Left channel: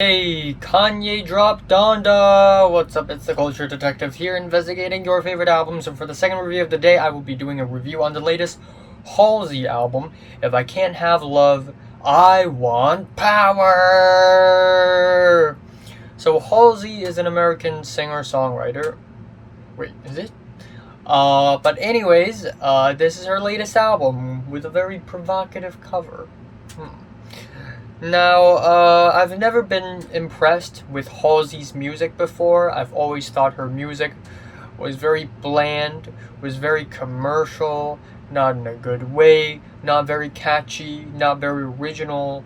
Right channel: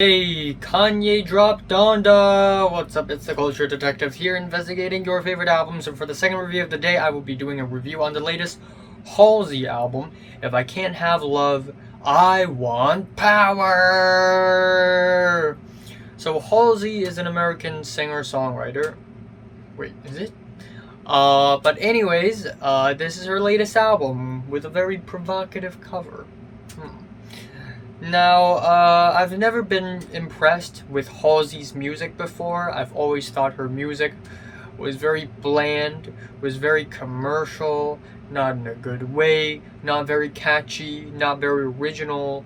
Hey, Kanye dropped Donda! What's up? It's the Culture Detective here, investigating your favorite albums, and for the second review of the day, I will be doing a review on the latest Halsey album, If I Can't Have Love, I Want Power! So Halsey is an American singer-songwriter. Wait, is it? But anyways, this is her latest album, with a very provocative cover. Now, I've never been impressed with Halsey's music before. I've always thought her music was very bland, was very commercial, not in a good way, not very catchy, not very original.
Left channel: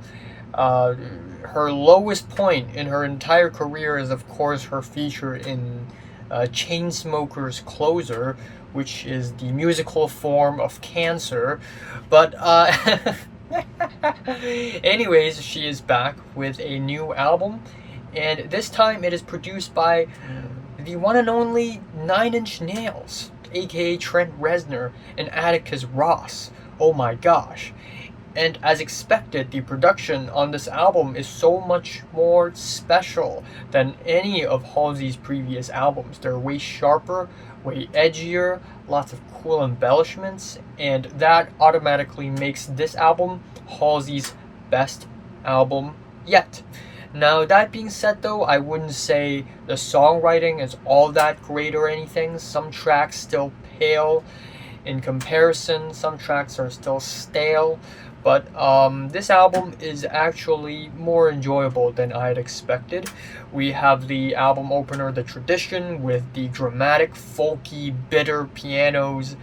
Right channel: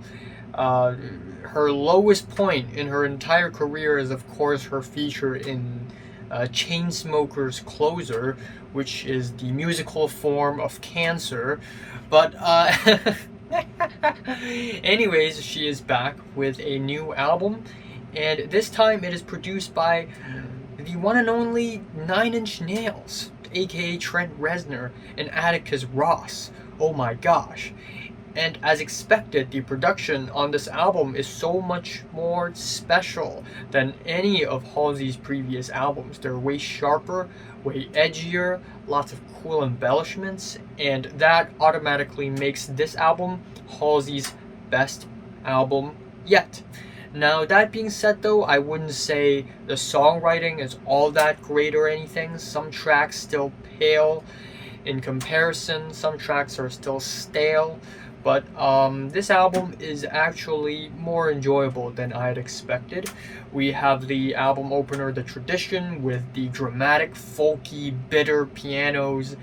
Her lowest point in her entire career is, of course, her feature in Chainsmokers' Closer, which is the musical form of Cancer. But, anyways, she is back with a new album, and this time it is produced by the one and only 9 Inch Nails, aka Trent Reznor and Atticus Ross. Oh my gosh. And as expected, the production on this album is so much more special than any of Halsey's previous albums. They're way sharper, way edgier, lots of cool embellishments, and that automatically makes this album Halsey's best album yet. Now, that being said though, I wouldn't say the songwriting is all that great or anything. Some tracks still pale in comparison, some tracks are still stale, but this album is actually more enjoyable than I had expected. We have the album opener, The Tradition, with the dramatic, folky, bitter pianos,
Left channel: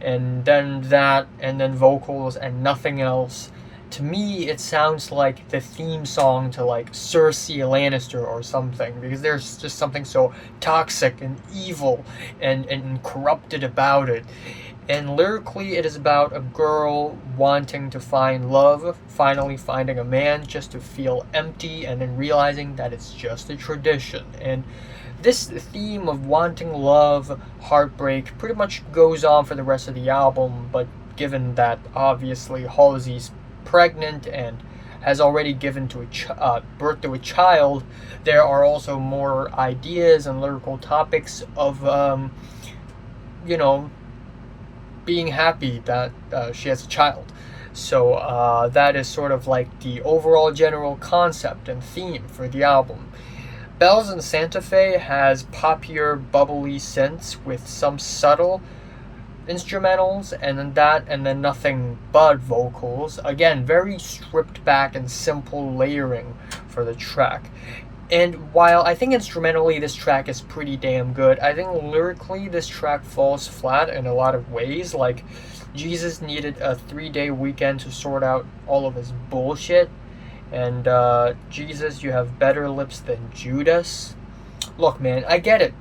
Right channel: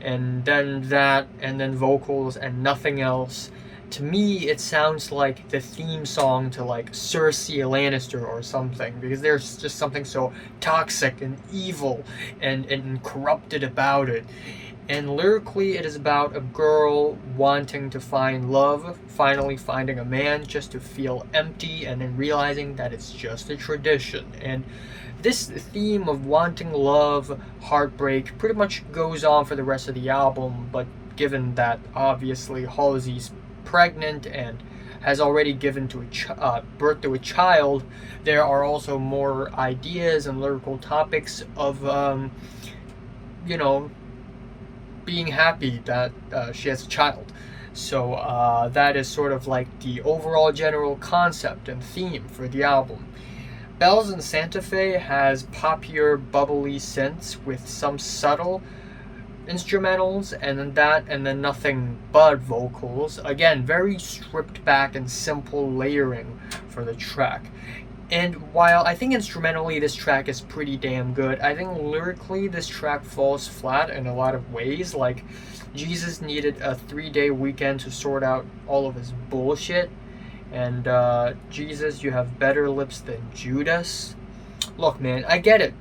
and then that, and then vocals, and nothing else. To me, it sounds like the theme song to like Cersei Lannister or something, because there's just something so toxic and evil and corrupted about it. And lyrically, it is about a girl wanting to find love, finally finding a man just to feel empty, and then realizing that it's just a tradition. And this theme of wanting love, heartbreak, pretty much goes on for the rest of the album, but given that obviously Halsey's pregnant and has already given to birth to a child, there are also more ideas and lyrical topics of, being happy that she has a child. So that is sort of like the overall general concept and theme for the album. Bells in Santa Fe has poppier, bubbly synths with some subtle instrumentals, and then nothing but vocals. Again, very stripped back and simple layering for the track. And while I think instrumentally this track is pretty damn good, I think lyrically this track falls flat in a lot of ways. Like, Jesus needed a 3-day weekend to sort out all of his bullshit. And Jesus, you have better lips than Judas. Look, man, I get it.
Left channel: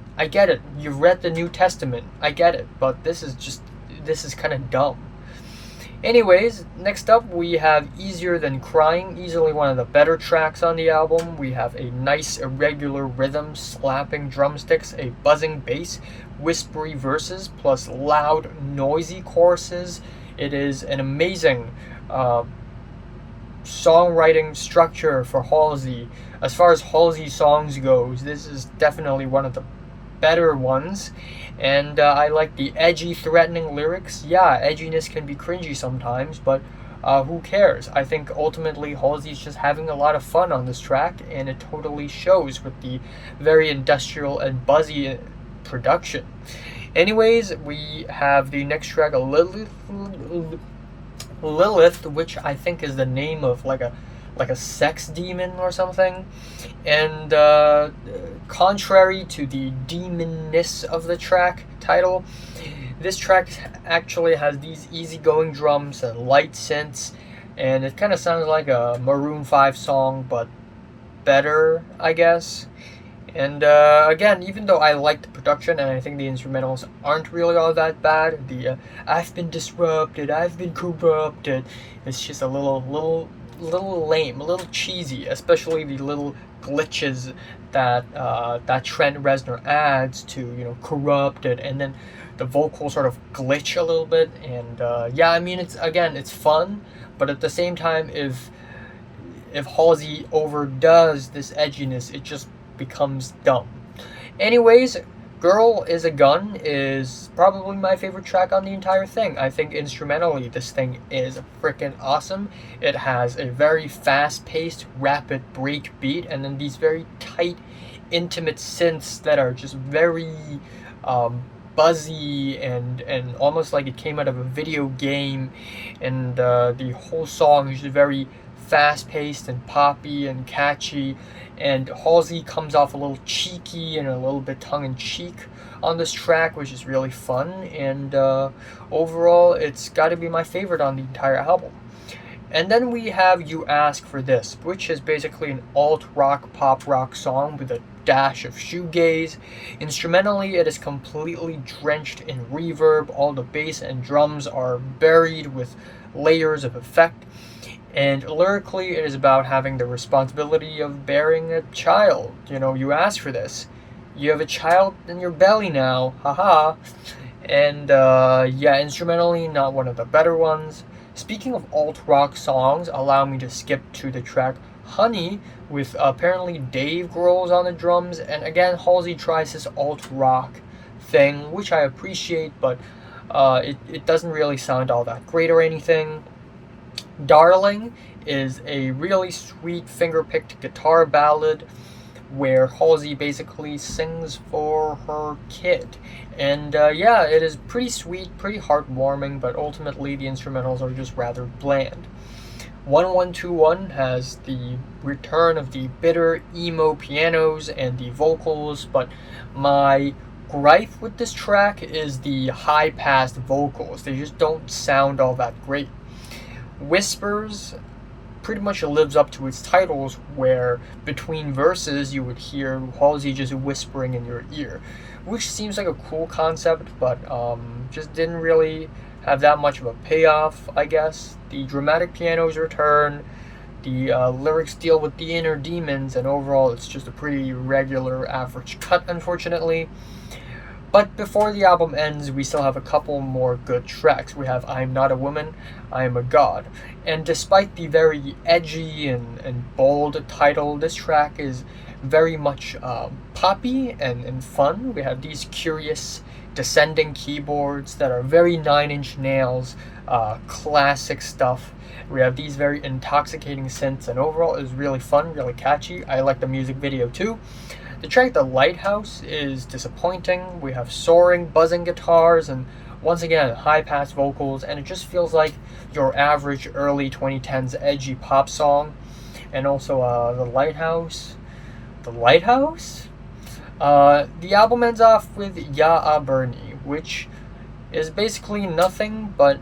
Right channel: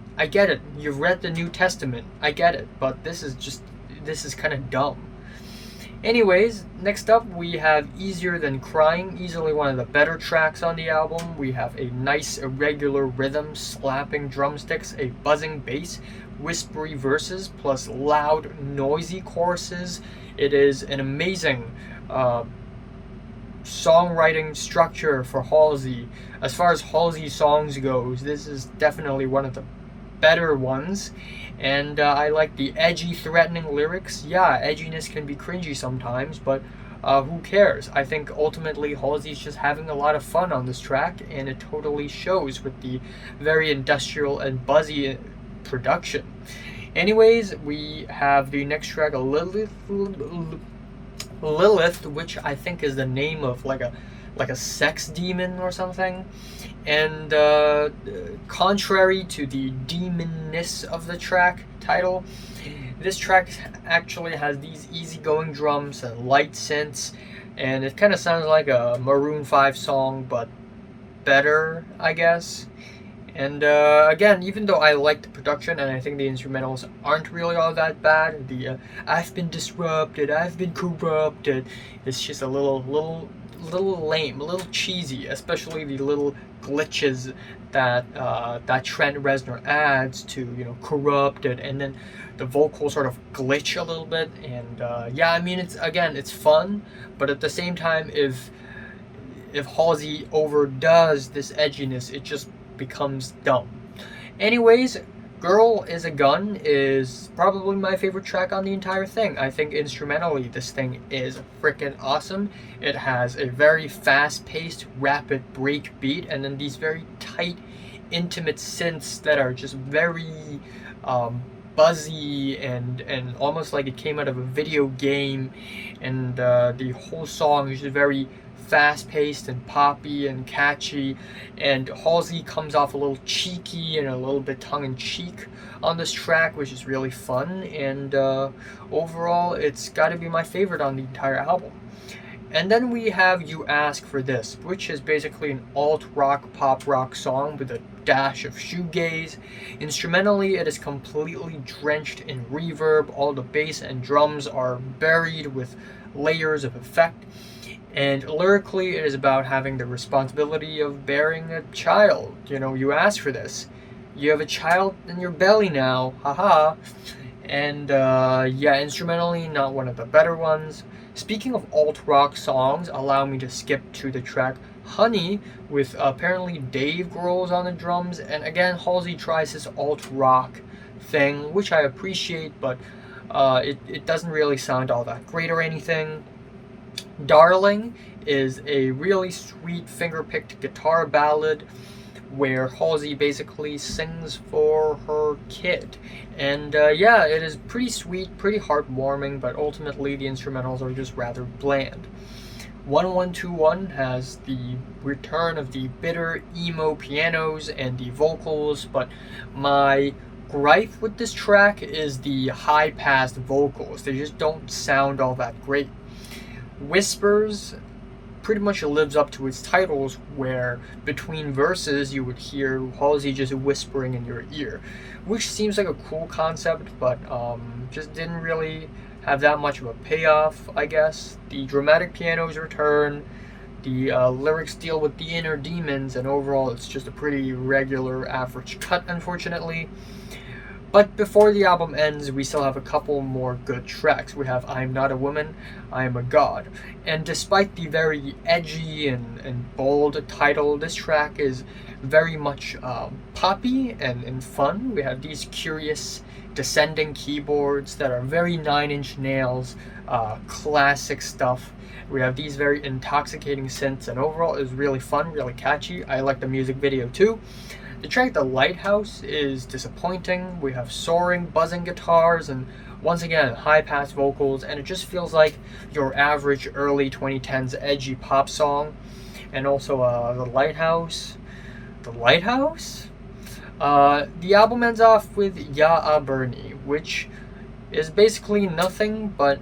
You've read the New Testament. I get it. But this is kind of dumb. Anyways, next up we have Easier Than Crying, easily one of the better tracks on the album. We have a nice irregular rhythm, slapping drumsticks, a buzzing bass, whispery verses, plus loud, noisy choruses. It is an amazing songwriting structure for Halsey. As far as Halsey songs goes, this is definitely one of the better ones, and I like the edgy, threatening lyrics. Yeah, edginess can be cringy sometimes, but who cares? I think ultimately Halsey's just having a lot of fun on this track, and it totally shows with the very industrial and buzzy production. Anyways, we have the next track, Lilith, which I think is the name of like a sex demon or something. And contrary to the demonness of the track title, this track actually has these easygoing drums and light synths, and it kind of sounds like a Maroon 5 song, but better, I guess. And again, even though I like the production and I think the instrumentals aren't really all that bad, the I've been disrupted, I've been corrupted, it's just a little lame, a little cheesy, especially the little glitches that Trent Reznor adds to corrupted, and then the vocals sort of glitch a little bit. And yeah, I mean, it's fun, but at the same time, if if Halsey overdoes this edginess, it just becomes dumb. Anyways, Girl is a Gun is probably my favorite track on the entire thing. I think instrumentally this thing is freaking awesome. It has a very fast-paced, rapid break beat, and then these very tight, intimate synths that are just very buzzy and almost like it came out of a video game. And the whole song is just very fast-paced and poppy and catchy, and Halsey comes off a little cheeky and a little bit tongue-in-cheek on this track, which is really fun, and overall it's got to be my favorite on the entire album. And then we have You Ask for This, which is basically an alt-rock, pop-rock song with a dash of shoegaze. Instrumentally, it is completely drenched in reverb. All the bass and drums are buried with layers of effect. And lyrically, it is about having the responsibility of bearing a child. You know, you ask for this. You have a child in your belly now, haha. And yeah, instrumentally, not one of the better ones. Speaking of alt-rock songs, allow me to skip to the track Honey, with apparently Dave Grohl's on the drums. And again, Halsey tries this alt-rock thing, which I appreciate, but it doesn't really sound all that great or anything. Darling is a really sweet finger-picked guitar ballad where Halsey basically sings for her kid. And yeah, it is pretty sweet, pretty heartwarming, but ultimately the instrumentals are just rather bland. 1121 has the return of the bitter emo pianos and the vocals, but my gripe with this track is the high-passed vocals. They just don't sound all that great. Whispers pretty much lives up to its titles, where between verses you would hear Halsey just whispering in your ear, which seems like a cool concept, but just didn't really have that much of a payoff, I guess. The dramatic pianos return, the lyrics deal with the inner demons, and overall it's just a pretty regular average cut, unfortunately. But before the album ends, we still have a couple more good tracks. We have I'm Not a Woman, I Am a God. And despite the very edgy and bold title, this track is very much poppy and fun. We have these curious descending keyboards that are very Nine Inch Nails, classic stuff. We have these very intoxicating synths, and overall is really fun, really catchy. I like the music video too. The track The Lighthouse is disappointing. We have soaring, buzzing guitars, and once again, high-pass vocals, and it just feels like your average early 2010s edgy pop song. And also The Lighthouse. The Lighthouse? The album ends off with Ya Bernie, which is basically nothing but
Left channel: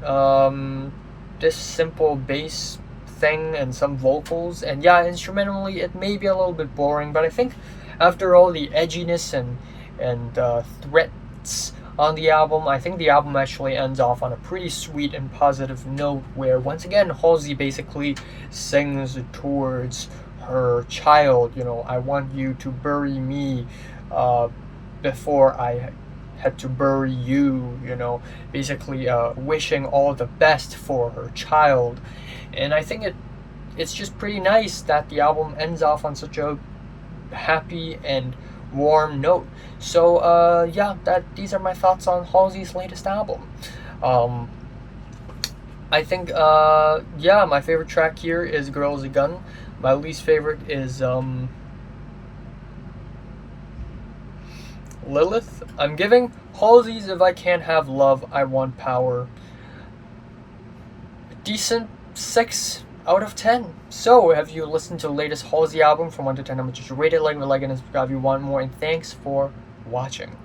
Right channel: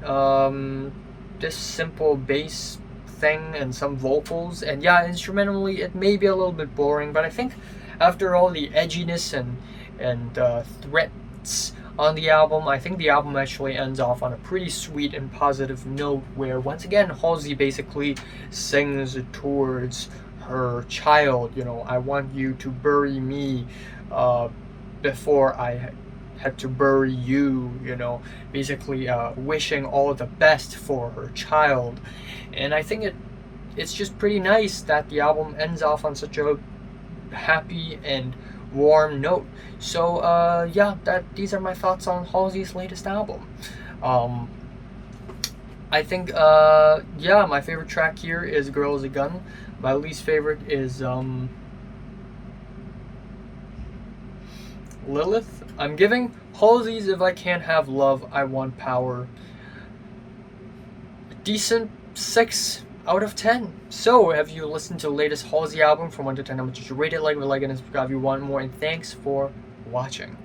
this simple bass thing and some vocals. And yeah, instrumentally, it may be a little bit boring, but I think after all the edginess and threats on the album, I think the album actually ends off on a pretty sweet and positive note, where once again Halsey basically sings towards her child. You know, I want you to bury me before I had to bury you, you know, basically wishing all the best for her child. And I think it's just pretty nice that the album ends off on such a happy and warm note. So yeah, these are my thoughts on Halsey's latest album. I think yeah, my favorite track here is Girl is a Gun. My least favorite is Lilith. I'm giving Halsey's If I Can't Have Love, I Want Power a decent 6 out of 10. So, have you listened to the latest Halsey album from 1 to 10? How much did you rate it? Like and subscribe if you want more, and thanks for watching.